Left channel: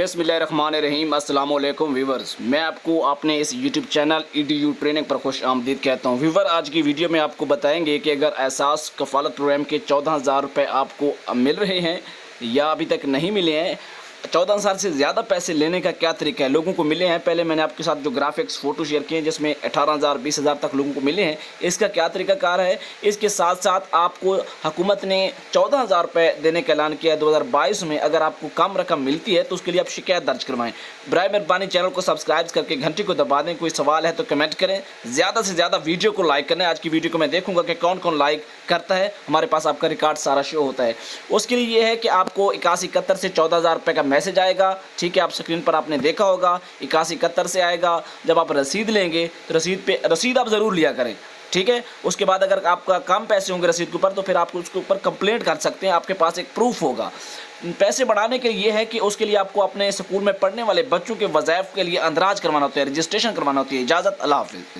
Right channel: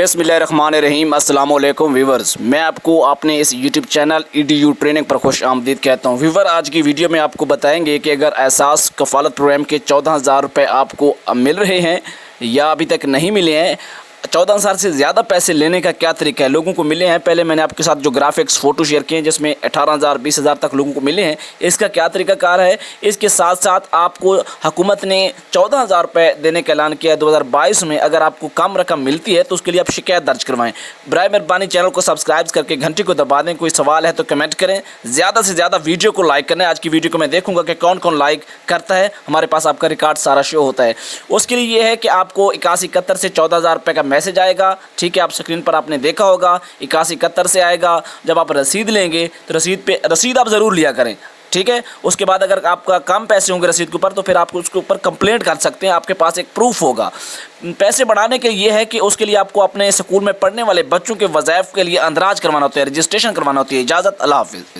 बिस्मिल्लाहिर्रहमानिर्रहीम। अस्सलाम वालेकुम व्यूवर्स, मैं आपको अपने इस यूट्यूब चैनल EDU ट्रेनिंग पर खुश आमदीद कहता हूँ। व्यूवर, आज की वीडियो में आपको बताएंगे कि अगर एहसास कफ़ालत प्रोग्राम के 14,000 रुपये आपको मिल रहे हैं या अभी तक नहीं मिले हैं, 14,000 से ज़्यादा पैसे लेने का क्या तरीका है। लोगों को मिले हैं, पहले मैंने आपके साथ जो ग्राफिक्स फ़ोटो शेयर किए हैं जिसमें 18,000 20,000 तक लोगों को मिले हैं, इसका क्या तरीका कार है। इसके साथ साथ आपको हुकूमत ने 14,000 रुपये देने का ऐलान किया है 2022 में। अगर आपको कम रकम मिलती है तो उसके लिए आप शिकायत दर्ज करवाएं। बराए मेहरबानी चैनल को सब्सक्राइब करके घंटी को दबा दें। कोई सवाल है तो कमेंट करें, ज़्यादा से ज़्यादा वीडियो को लाइक करना है। आज की वीडियो को मैं देखूंगा कि कौन कौन लाइक करता है, हमारे पास आपका रिकॉर्ड सारा शो होता है। उसके लिए ये है कि आपको 8171 से 14,000 रुपये का मैसेज आएगा। ठीक है, आप स्क्रीन पर आपने देखा होगा 8171 से आएगा। जब आप रसीद लेंगे तो रसीद आप ज़रूर लिया करें। ठीक है, उसके बाद अगर आपका कम पैसे होंगे रसीद के ऊपर तो फिर आप उसके ऊपर कंप्लेंट कर सकते हैं, आपके पास एक प्रूफ होगा। पैसे बढ़ाने के लिए है कि उसके लिए आपको अपने स्कूल में पढ़ने वाले बच्चों के वज़ाइफ के लिए अंदराज करवाना होता है, रजिस्ट्रेशन करवाना होती है। इजाज़त, अल्लाह हाफ़िज़।